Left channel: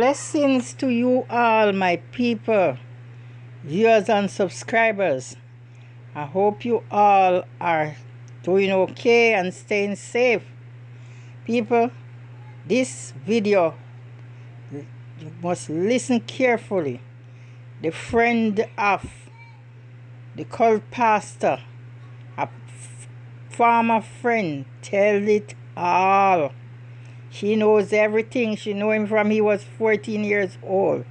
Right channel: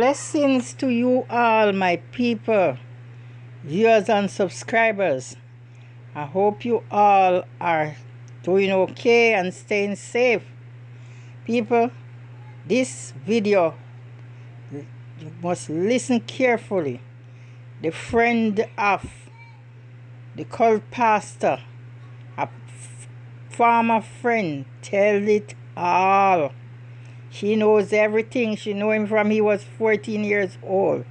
Blessings to you all, my people, viewers and subscribers. I hope you all are doing okay and staying safe. People, this video, you must listen carefully. The friend of the cult pastor, a former friend, tell it all. She knows everything. She knew him from he was 14 years old.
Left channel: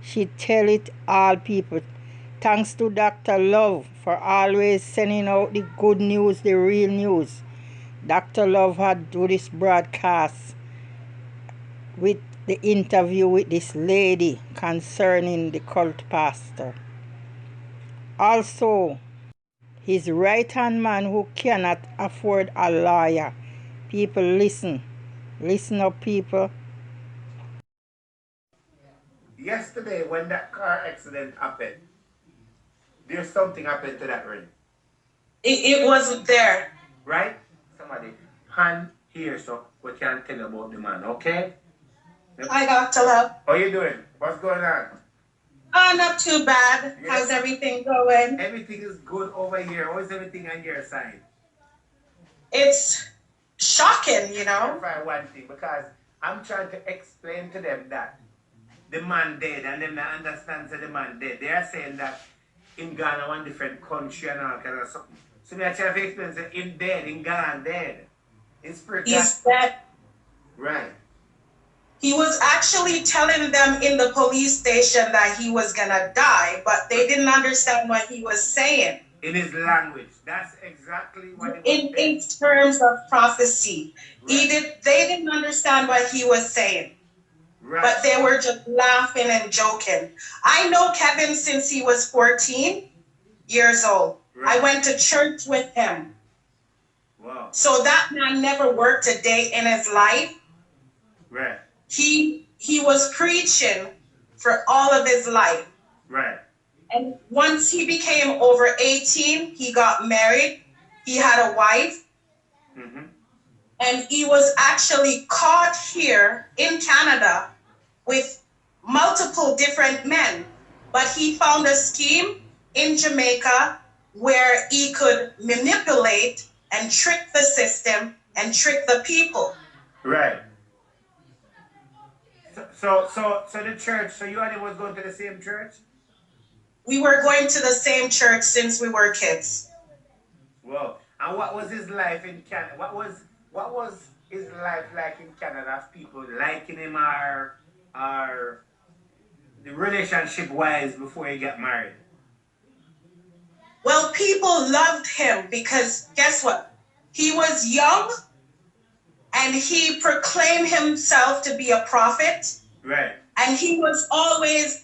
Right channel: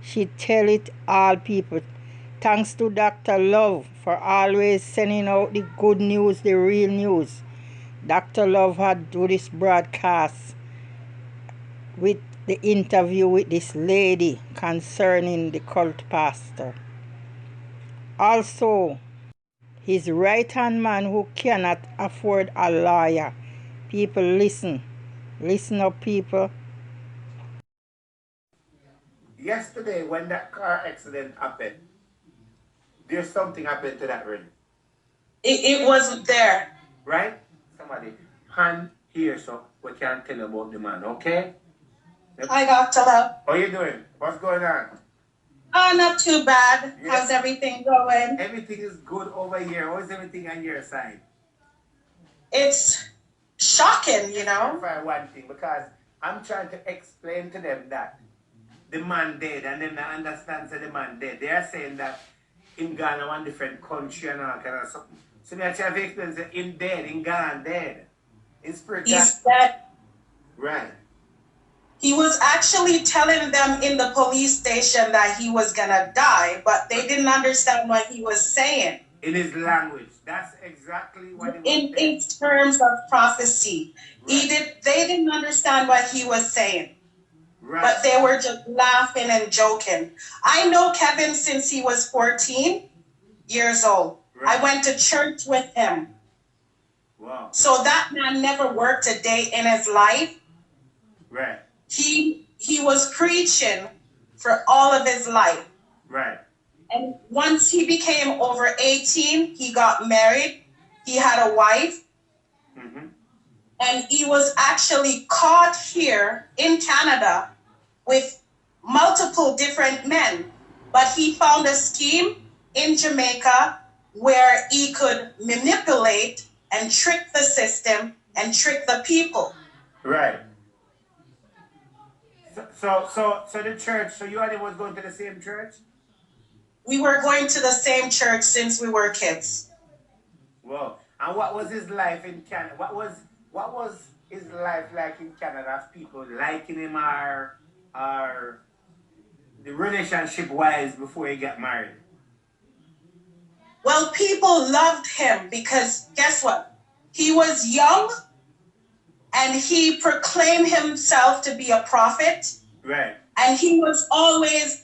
She tell it all, people. Thanks to Dr. Love for always sending out the good news, the real news. Dr. Love had do this broadcast with the interview with this lady concerning the cult pastor. Also, his right-hand man who cannot afford a lawyer. People, listen. Listen up, people. Yesterday, when that car accident happened, there's something happened to that ring. It wasn't there. Right? Somebody, hand here so we can tell you about the man, okay? Hi, Dr. Love. How you doing? What's going on? Not too bad. Yeah. How's everything going? Everything is good over here. How's everything on your side? It's shocking, you know? For one thing, because I'm trying to explain to them that the man dead, and them not understand that the man dead. They are saying that in Ghana, one different country and all kind of something. So me I try to explain that him dead, in Ghana dead. In spirit, He's dead. right. He was actually telling them in the police station that he was gonna die, but they didn't understand what he was saying. In his language. That's exactly what it was. In terms of prophecy. Right. They didn't understand what he was saying. Right. But they were just laughing and joking. I know Kevin since he was 14 years old. Right. I went to church with him. Wow. So that man never worked a day in his life. Right. He was preaching for all of his life. Right. And once he became over 18, he got married. He had a wife. Mm-hmm. And he was actually caught here in Canada with multiple different men. But he found a scheme in Jamaica where he could manipulate and trick the system and trick the people. Right. So the church, so you and him was going to the same church? We were going to the same church since we were kids. Wow. And what was his life in Canada? What was his life like in Canada? People liking him or the relationship wise before he got married? Well, people loved him because guess what? He was young and he proclaimed himself to be a prophet. Right. And he was always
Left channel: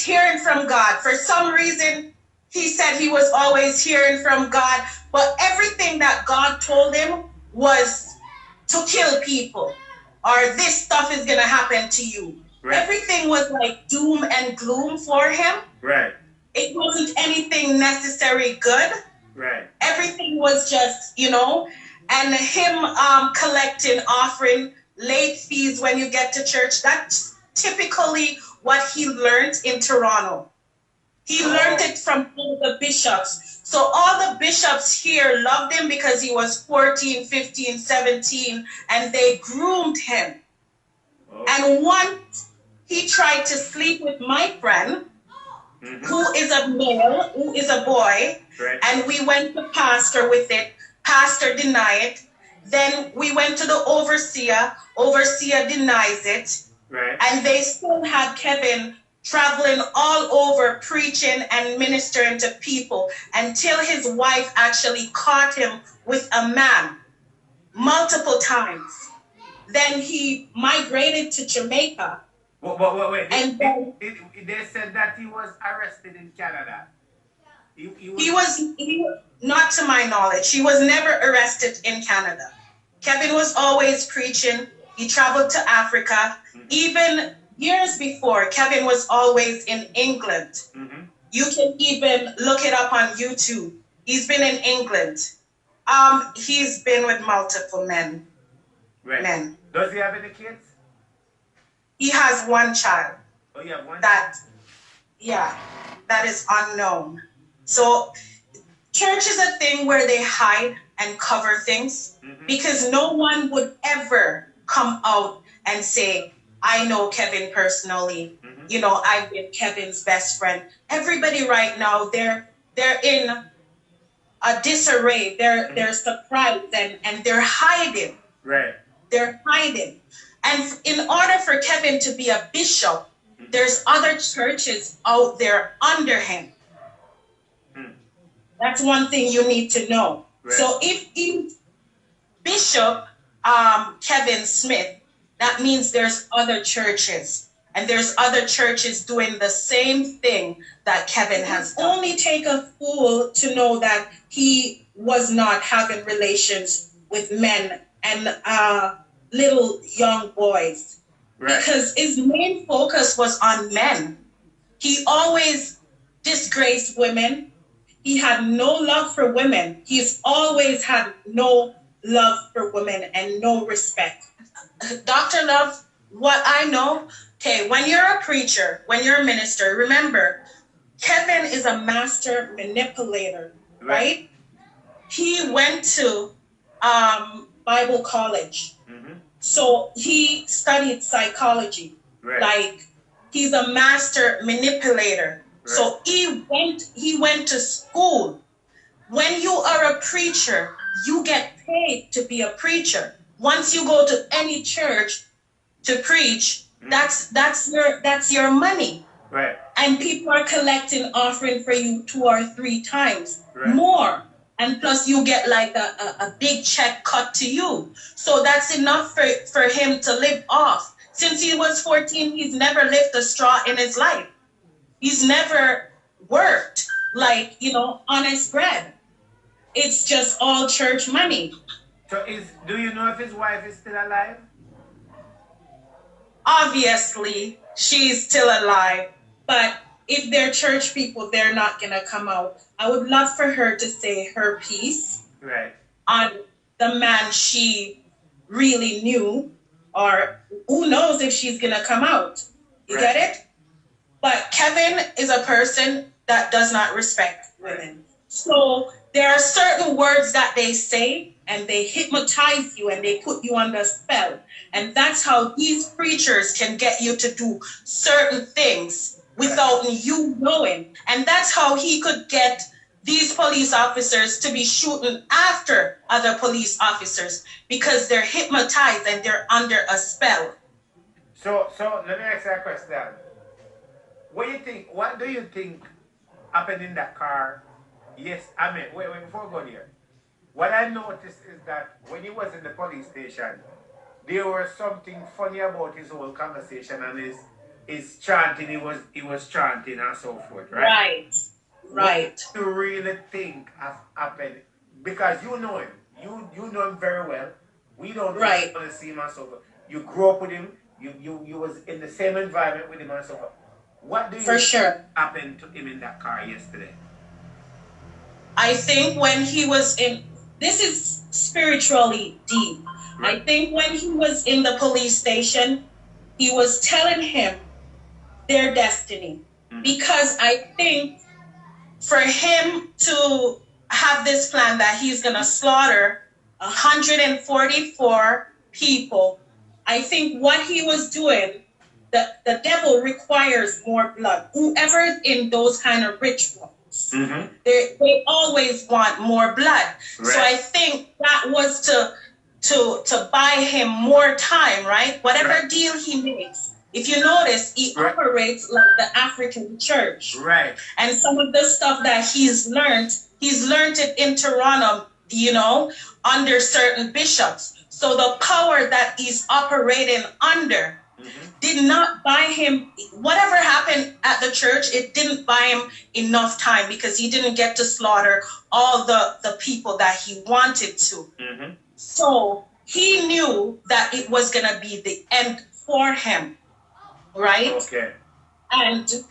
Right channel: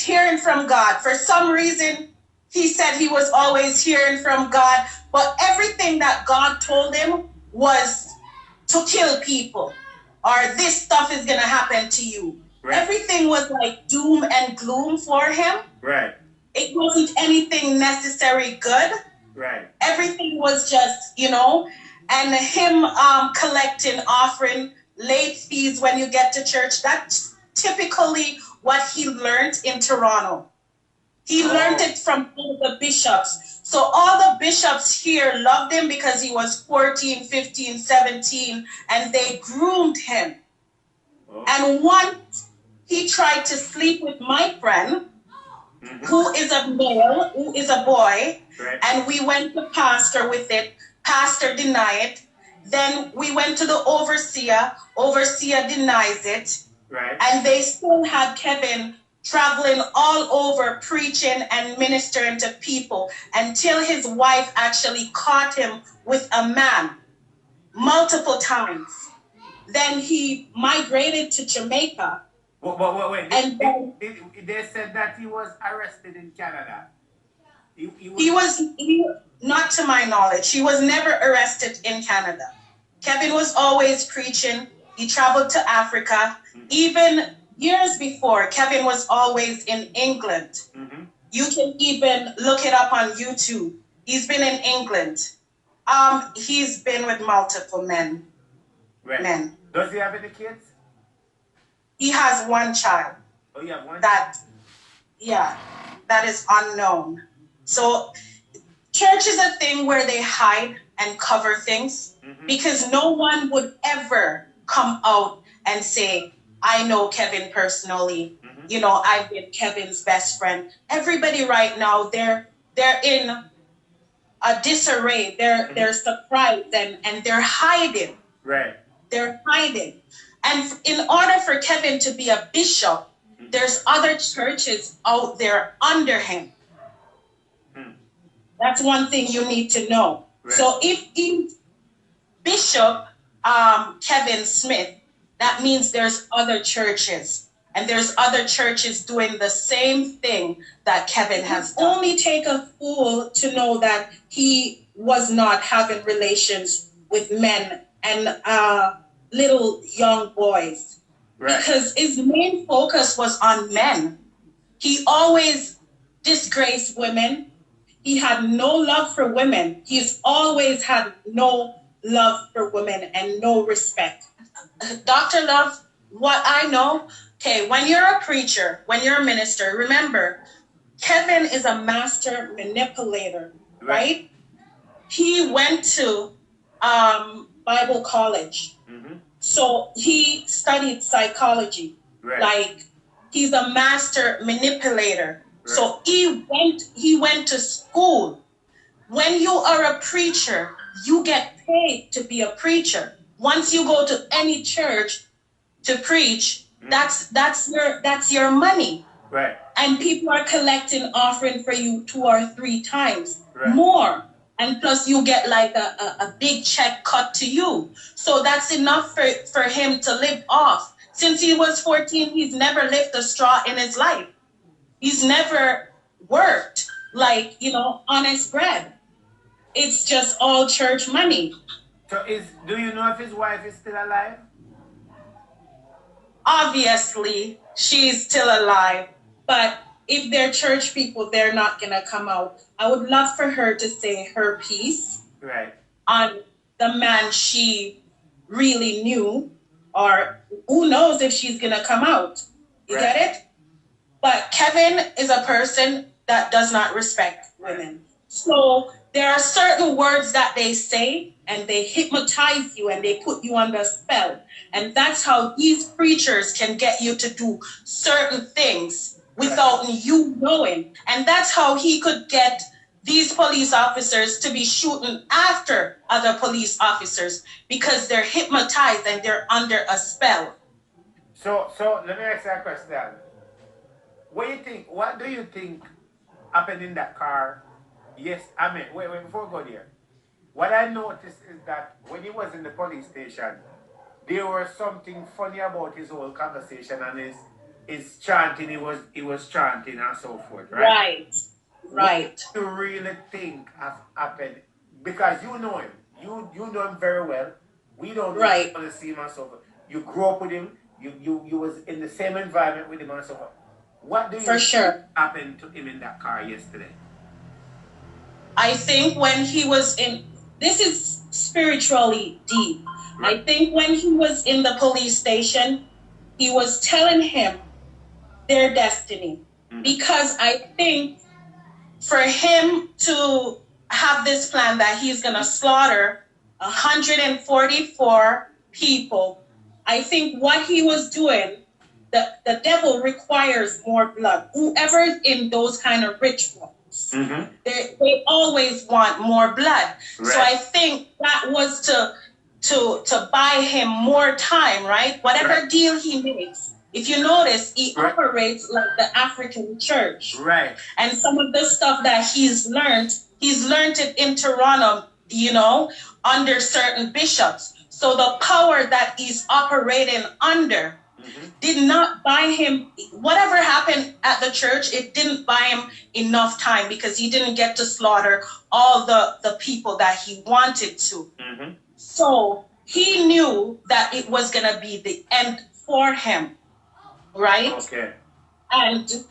hearing from God. For some reason, he said he was always hearing from God, but everything that God told him was to kill people or this stuff is going to happen to you. Right. Everything was like doom and gloom for him. Right. It wasn't anything necessary good. Right. Everything was just, and him collecting, offering late fees when you get to church. That's typically what he learned in Toronto. He learned it from the bishops. So all the bishops here loved him because he was 14, 15, 17, and they groomed him. Oh. And once he tried to sleep with my friend, mm-hmm. who is a male, who is a boy, right. And we went to pastor with it. Pastor denied it. Then we went to the overseer. Overseer denies it. Right. And they still had Kevin traveling all over preaching and ministering to people until his wife actually caught him with a man multiple times. Then he migrated to Jamaica. Wait. And they said that he was arrested in Canada. He was not to my knowledge. He was never arrested in Canada. Kevin was always preaching. He traveled to Africa. Mm-hmm. Even years before, Kevin was always in England. Mm-hmm. You can even look it up on YouTube. He's been in England. He's been with multiple men. Right. Men. Does he have any kids? He has one child. Oh, you have one? That is unknown. So church is a thing where they hide and cover things because no one would ever come out and say, I know Kevin personally. You know, I've been Kevin's best friend. Everybody right now, they're in a disarray. They're surprised and they're hiding. Right. They're hiding. And in order for Kevin to be a bishop, there's other churches out there under him. That's one thing you need to know. Right. So if Bishop Kevin Smith, that means there's other churches. And there's other churches doing the same thing that Kevin has done. Only take a fool to know that he was not having relations with men and little young boys. Right. Because his main focus was on men. He always disgraced women. He had no love for women. He's always had no love for women and no respect. Dr. Love, what I know, okay, when you're a preacher, when you're a minister, remember, Kevin is a master manipulator, right? He went to Bible college. So he studied psychology. Right. Like, he's a master manipulator. Right. So he went to school. When you are a preacher, you get paid to be a preacher. Once you go to any church to preach, that's your money. Right. And people are collecting offering for you 2 or 3 times more. And plus you get like a big check cut to you. So that's enough for him to live off. Since he was 14, he's never lifted a straw in his life. He's never worked like, honest bread. It's just all church money. So do you know if his wife is still alive? Obviously, she's still alive. But if they're church people, they're not going to come out. I would love for her to say her piece on the man she really knew, or who knows if she's going to come out. You get it? But Kevin is a person that does not respect women. So there are certain words that they say and they hypnotize you and they put you under spell. And that's how these preachers can get you to do certain things without you knowing. And that's how he could get these police officers to be shooting after other police officers because they're hypnotized and they're under a spell. So let me ask you a question. What do you think happened in that car? Yes, wait, before we go there. What I noticed is that when he was in the police station, there was something funny about his whole conversation and his chanting, he was chanting and so forth, right? Right. What do you really think happened? Because you know him. You know him very well. We don't really see him and so forth. You grew up with him. You was in the same environment with him and so forth. What do you think happened to him in that car yesterday? I think when he was this is spiritually deep. I think when he was in the police station, he was telling him their destiny. Because I think for him to have this plan that he's going to slaughter 144 people, I think what he was doing, the devil requires more blood. Whoever's in those kind of rituals, they always want more blood. So I think that was to buy him more time, right? Whatever deal he makes. If you notice, he operates like the African church. Right. And some of the stuff that he's learned it in Toronto, under certain bishops. So the power that he's operating under did not buy him, whatever happened at the church, it didn't buy him enough time because he didn't get to slaughter all the people that he wanted to. So he knew that it was going to be the end for him, right? Okay. And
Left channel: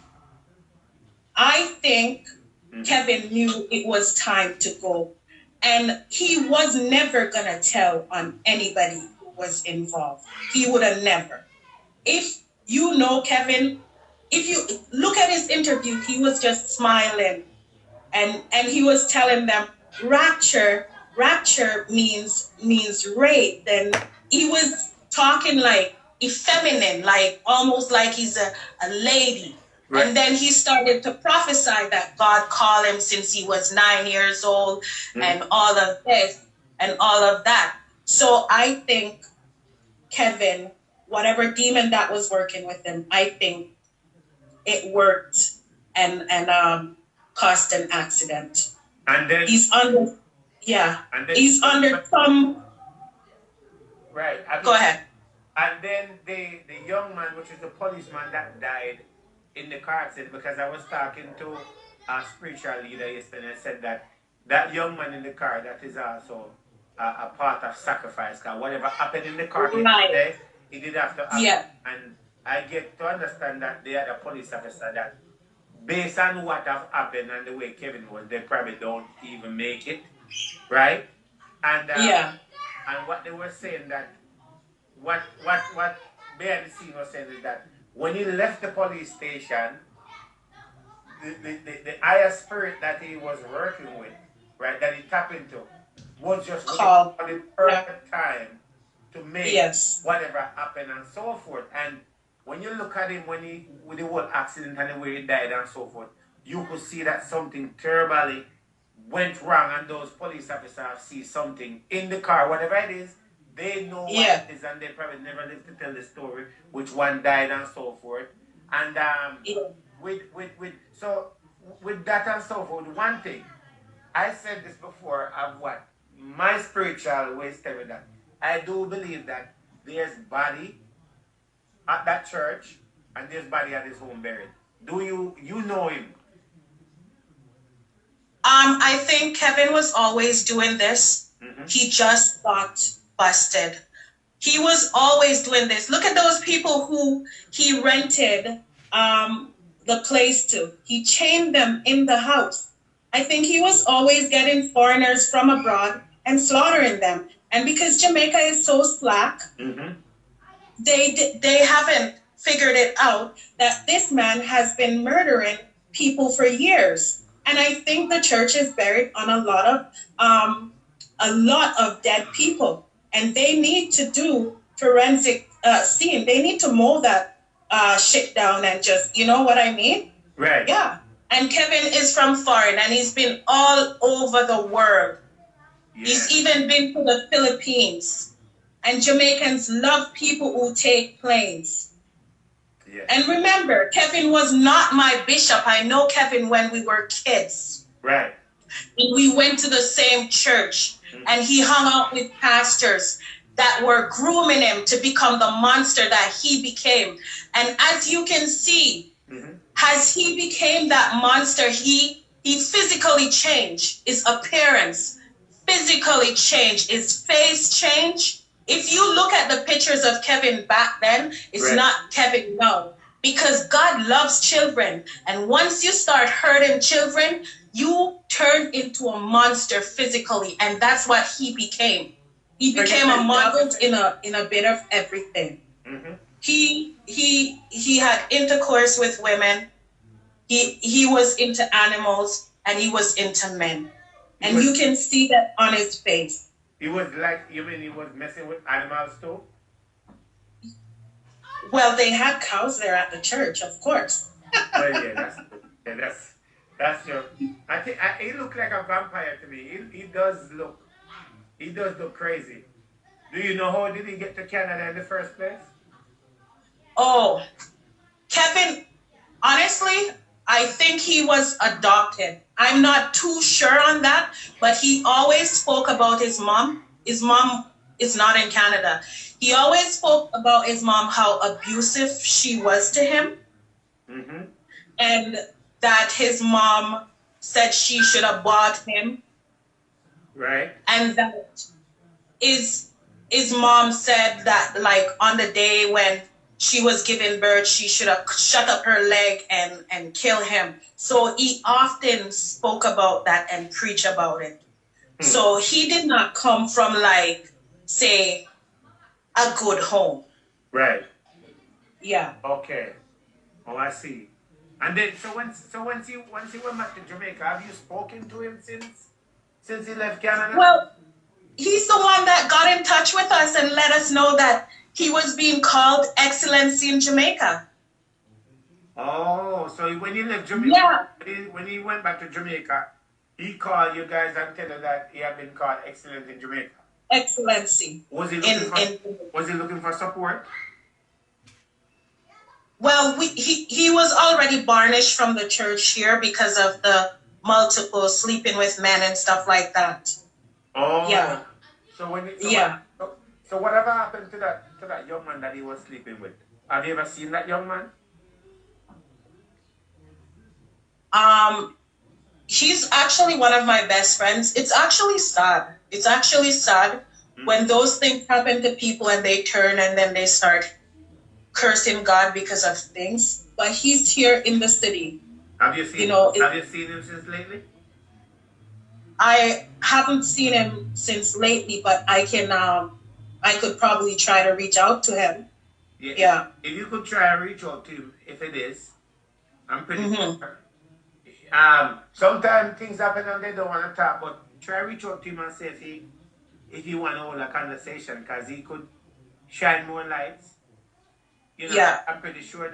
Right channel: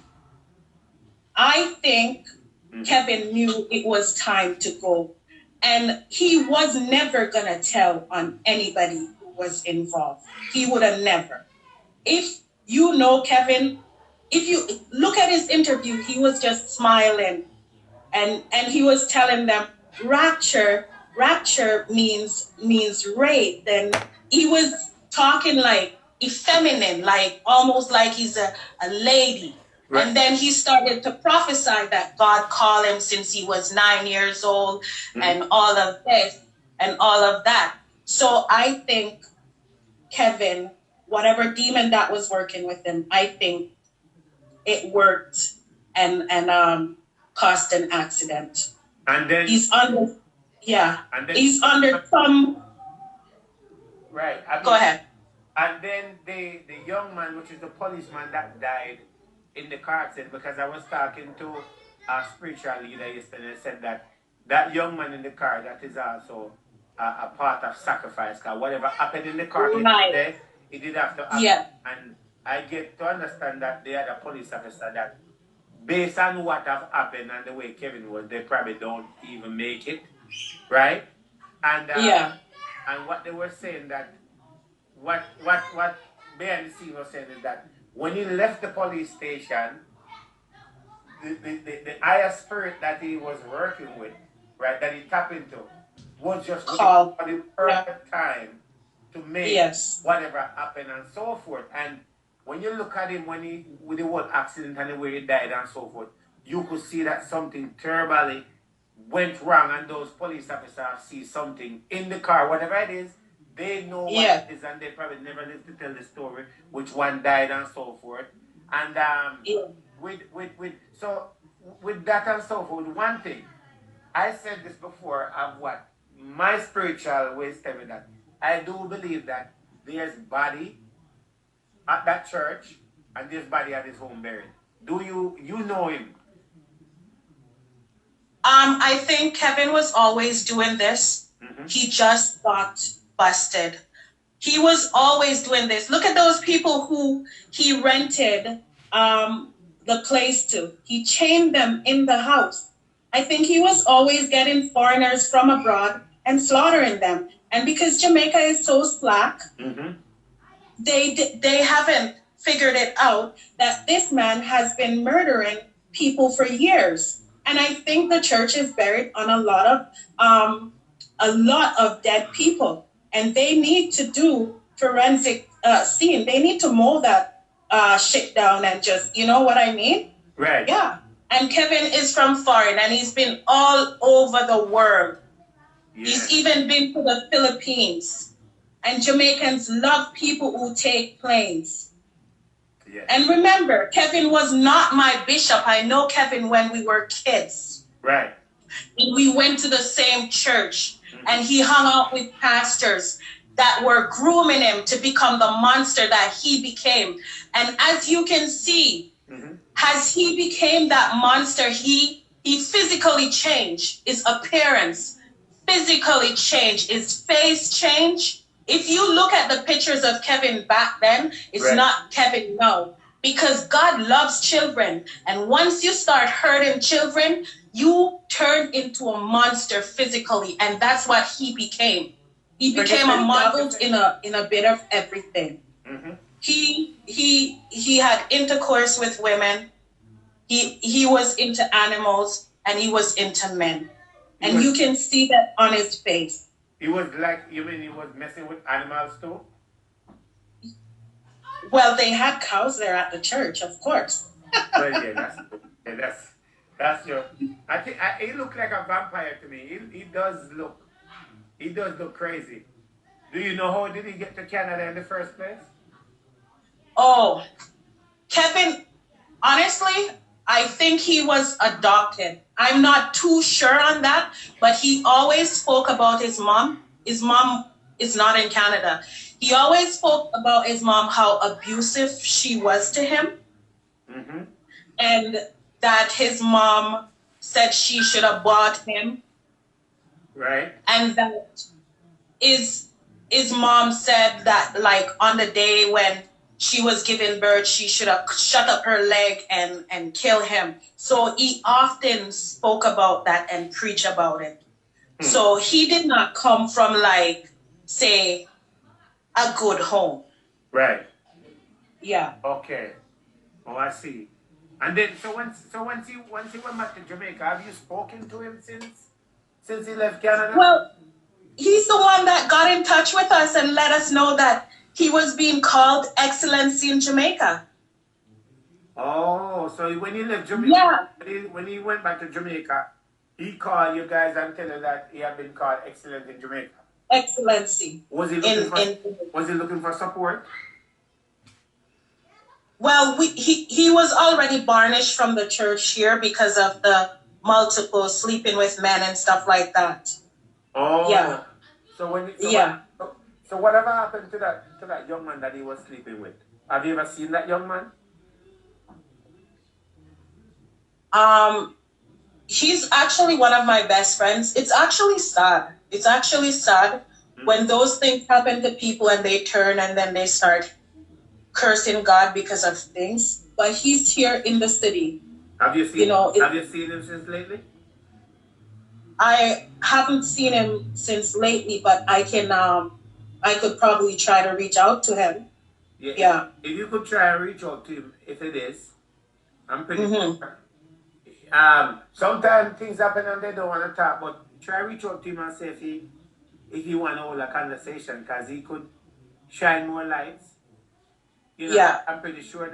I think Kevin knew it was time to go. And he was never going to tell on anybody who was involved. He would have never. If you know, Kevin, if you look at his interview, he was just smiling, and he was telling them rapture means rape, and he was talking like effeminate, like almost like he's a lady. Right. And then he started to prophesy that God called him since he was 9 years old, and all of this and all of that. So I think Kevin, whatever demon that was working with him, I think it worked and caused an accident. And then He's under, yeah, and then, he's under some. Right. Go ahead. And then the young man, which is the policeman that died in the car accident, because I was talking to a spiritual leader yesterday, and said that that young man in the car, that is also a part of sacrifice. Because whatever happened in the car yesterday, it did have to happen. Yeah. And I get to understand that the other police officer, that based on what have happened and the way Kevin was, they probably don't even make it, right? And Yeah. and what they were saying, that what behind the scene was saying, is that when he left the police station, the higher spirit that he was working with, right, that he tapped into, was just Called. for the perfect time to make Yes. whatever happened and so forth. And when you look at him, when he, with the whole accident and the way he died and so forth, you could see that something terribly went wrong, and those police officers see something in the car, whatever it is, they know what it is, and they probably never lived to tell the story, which one died and so forth. And with that and so forth, one thing, I said this before, of what my spiritual ways tell me, that I do believe that there's body at that church and there's body at his home buried. Do you know him? I think Kevin was always doing this. He just got busted. He was always doing this. Look at those people who he rented the place to. He chained them in the house. I think he was always getting foreigners from abroad and slaughtering them. And because Jamaica is so slack, they haven't figured it out that this man has been murdering people for years. And I think the church is buried on a lot of dead people, and they need to do forensic scene. They need to mow that shit down and just, you know what I mean? Right. Yeah. And Kevin is from foreign, and he's been all over the world. Yeah. He's even been to the Philippines. And Jamaicans love people who take planes. Yeah. And remember, Kevin was not my bishop. I know Kevin when we were kids. Right. We went to the same church, and he hung out with pastors that were grooming him to become the monster that he became. And as you can see, as he became that monster, he physically changed. His appearance physically changed. His face changed. If you look at the pictures of Kevin back then, it's not Kevin now. Because God loves children. And once you start hurting children, you turn into a monster physically. And that's what he became. He became a model in a bit of everything. He had intercourse with women. He was into animals, and he was into men. And you can see that on his face. He was like, you mean he was messing with animals too? Well, they had cows there at the church, of course. Well, that's your. I think he looked like a vampire to me. He does look crazy. Do you know how did he get to Canada in the first place? Oh, Kevin, honestly, I think he was adopted. I'm not too sure on that, but he always spoke about his mom. His mom is not in Canada. He always spoke about his mom, how abusive she was to him. And that his mom said she should have bought him. Right. And that his mom said that, like, on the day when she was giving birth, she should have shut up her leg and kill him. So he often spoke about that and preached about it. So he did not come from, like, say, a good home. Right. Yeah. Okay. Oh, I see. And then, once he went back to Jamaica, have you spoken to him since he left Canada? Well, he's the one that got in touch with us and let us know that he was being called Excellency in Jamaica. Oh, so when he left Jamaica, Yeah. when he went back to Jamaica, he called you guys and tell you that he had been called excellent in Jamaica. Excellency. Was he looking for support? Well, he was already banished from the church here because of the multiple sleeping with men and stuff like that. Oh. Yeah. So Yeah. So whatever happened to that young man that he was sleeping with? Have you ever seen that young man? He's actually one of my best friends. It's actually sad. When those things happen to people and they turn and then they start cursing God because of things. But he's here in the city. Have you seen him since lately? I haven't seen him since lately, but I could probably try to reach out to him. Yeah. If you could try and reach out to him, if it is, I'm pretty sure. Sometimes things happen and they don't want to talk, but try reach out to him and say if he want to hold a conversation, because he could shine more lights. Yeah. I'm pretty sure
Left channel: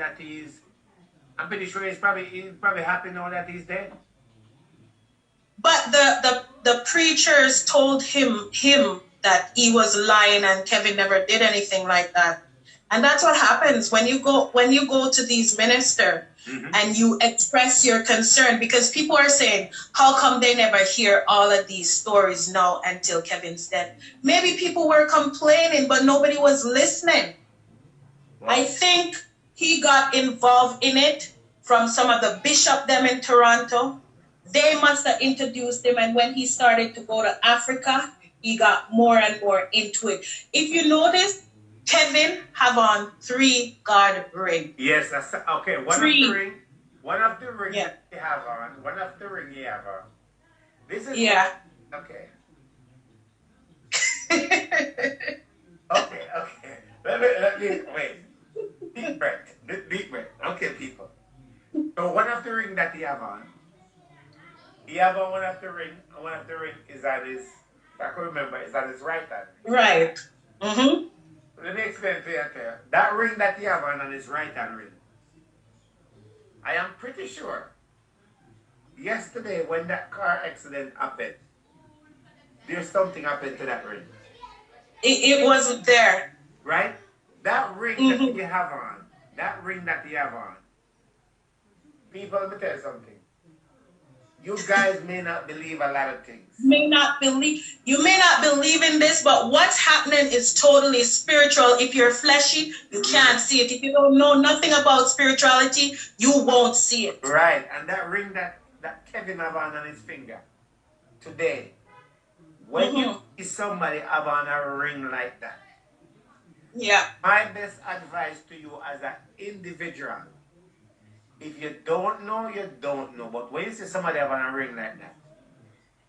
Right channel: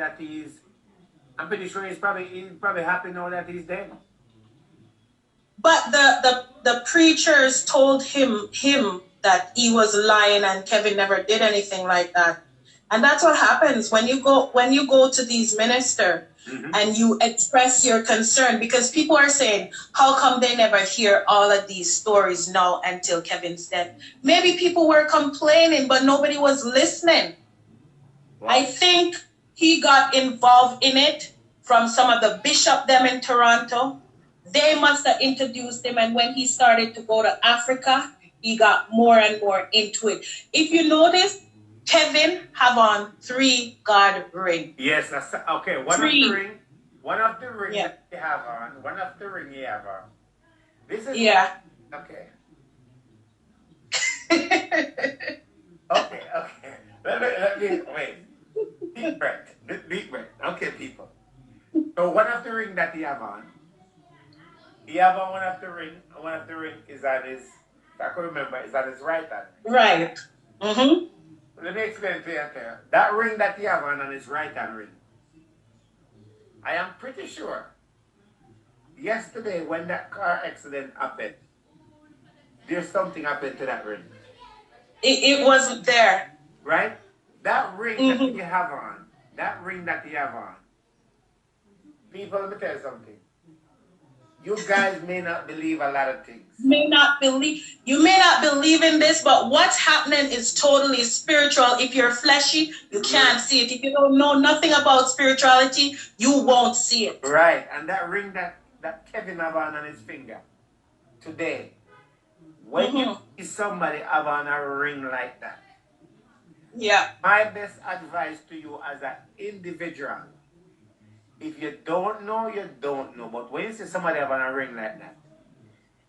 he's probably happy now that he's dead. But the preachers told him that he was lying and Kevin never did anything like that. And that's what happens when you go to these ministers and you express your concern, because people are saying, how come they never hear all of these stories now until Kevin's dead? Maybe people were complaining, but nobody was listening. Wow. I think he got involved in it from some of the bishop them in Toronto. They must have introduced him, and when he started to go to Africa, he got more and more into it. If you notice, Kevin have on 3 God rings. Yes, that's okay. One of the ring you have on. One of the ring you have on. This is okay. Okay. Let me wait. Deep breath. Deep breath. Okay, people. So one of the ring that you have on. You have on one of the ring. And one of the ring is on his. I can remember. Is on his right hand. Right. Mm-hmm. Let me explain to you. That ring that you have on his right hand ring. I am pretty sure. Yesterday, when that car accident happened, there's something happened to that ring. It wasn't there. Right? That ring that you have on, people, let me tell you something. You guys may not believe a lot of things. You may not believe in this, but what's happening is totally spiritual. If you're fleshy, you can't see it. If you don't know nothing about spirituality, you won't see it. Right. And that ring that Kevin have on his finger today, when you see somebody have on a ring like that, my best advice to you as an individual, if you don't know, you don't know. But when you see somebody have on a ring like that,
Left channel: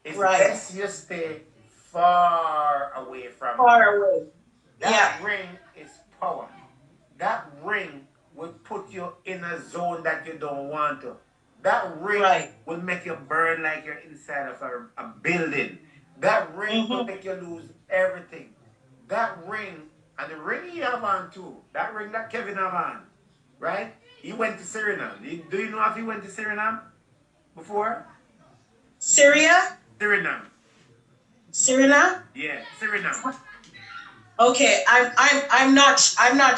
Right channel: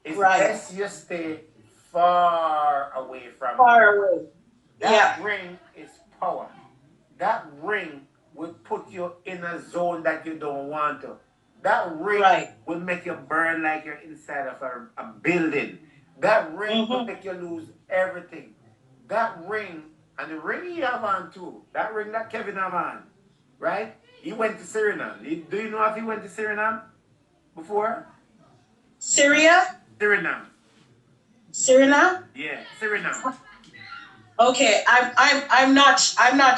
it's best you stay far away from it. That ring is power. That ring will put you in a zone that you don't want to. That ring will make you burn like you're inside of a building. That ring will make you lose everything. That ring, and the ring you have on too, that ring that Kevin have on, right? He went to Suriname. Do you know if he went to Suriname before? Syria? Suriname. Suriname? Yeah, Suriname. Okay, I'm not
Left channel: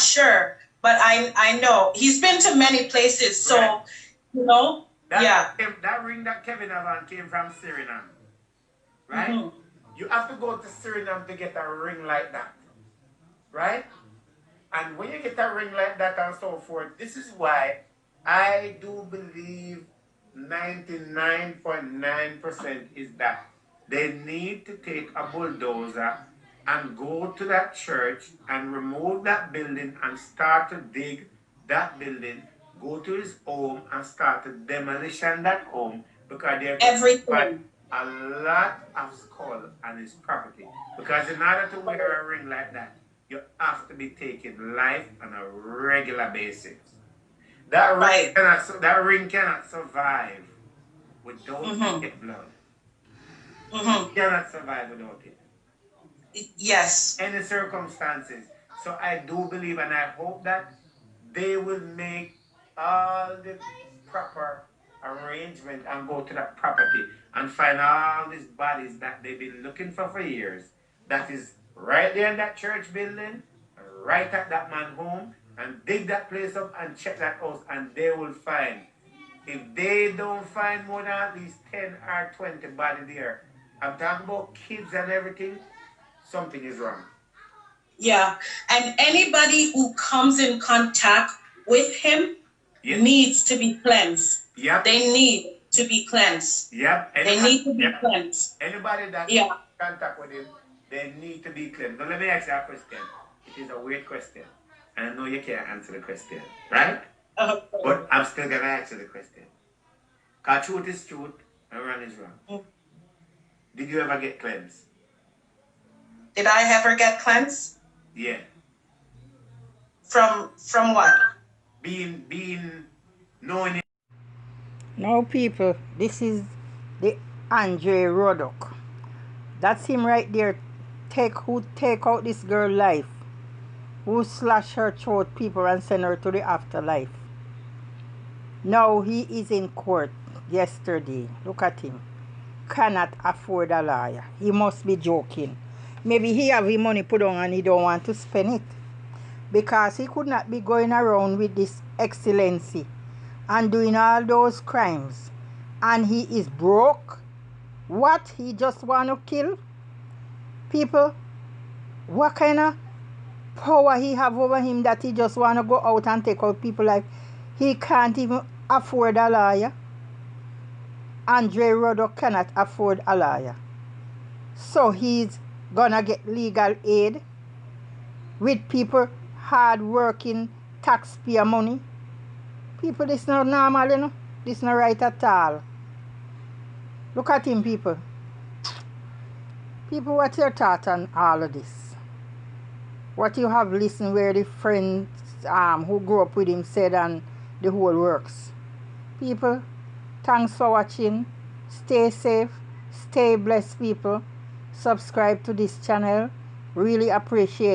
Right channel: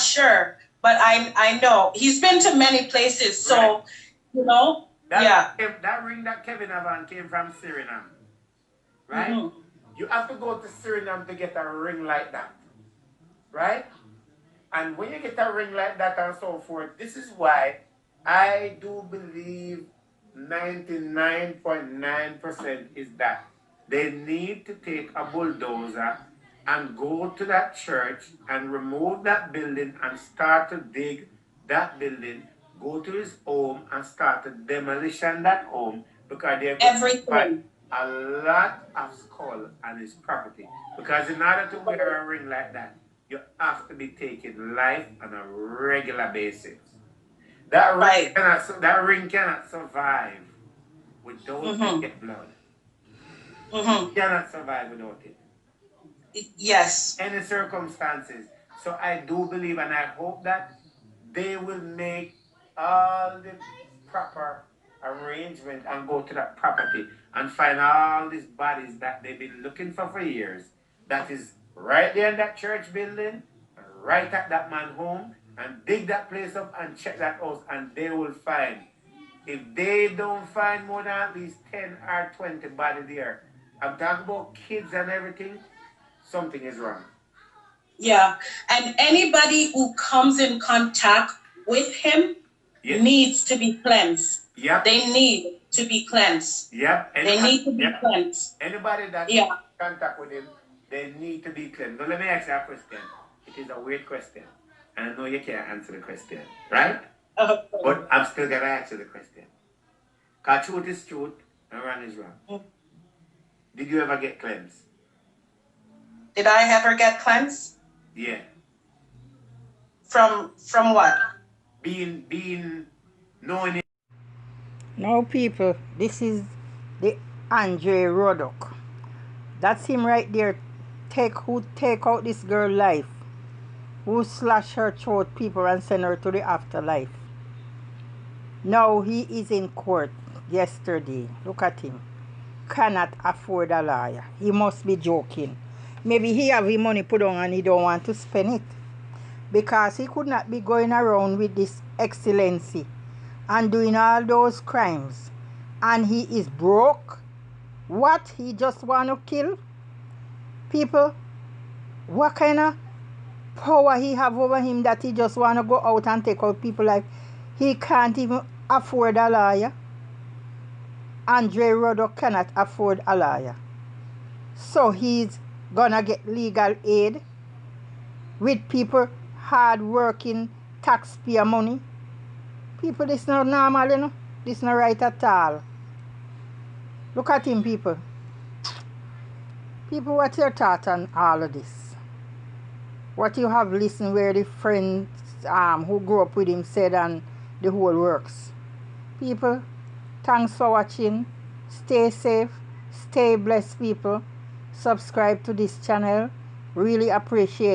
sure, but I know he's been to many places. So you know, that ring that Kevin have on came from Suriname, right? You have to go to Suriname to get a ring like that, right? And when you get a ring like that and so forth, this is why I do believe 99.9% is that they need to take a bulldozer and go to that church and remove that building and start to dig that building, go to his home and start to demolition that home, because they've got a lot of skull on his property. Because in order to wear a ring like that, you have to be taking life on a regular basis. That ring, Right. that ring cannot survive without Mhm. blood. Mhm. It cannot survive without it. Yes. Any circumstances. So I do believe and I hope that they will make all the proper arrangement and go to that property and find all these bodies that they've been looking for years. That is right there in that church building, right at that man's home, and dig that place up and check that house, and they will find. If they don't find more than at least 10 or 20 bodies there, I'm talking about kids and everything, something is wrong. Yeah. And anybody who comes in contact with him Yes. needs to be cleansed. Yep. They need to be cleansed. Yep. They need to be Yep. cleansed. Anybody that Yeah. in contact with him, they need to be cleansed. Now let me ask you a question. It is a weird question. And I know you can't answer the question, right? But I'm still gonna answer the question. Because truth is truth and wrong is wrong. Did you ever get cleansed? Did I ever get cleansed? Yeah. From what? Being knowing it. Now, people, this is the Andre Roddock. That's him right there. Who take out this girl life, who slash her throat, people, and send her to the afterlife. Now he is in court yesterday. Look at him. Cannot afford a lawyer. He must be joking. Maybe he have his money put on and he don't want to spend it. Because he could not be going around with this excellency and doing all those crimes. And he is broke. What? He just want to kill people? What kind of power he have over him that he just want to go out and take out people life? He can't even afford a lawyer. Andre Roddock cannot afford a lawyer. So he's gonna get legal aid with people hard working taxpayer money. People, this not normal, you know. This not right at all. Look at him, people. People, what's your thought on all of this? What you have listened where the friends who grew up with him said and the whole works. People, thanks for watching. Stay safe. Stay blessed, people. Subscribe to this channel. Really appreciate it.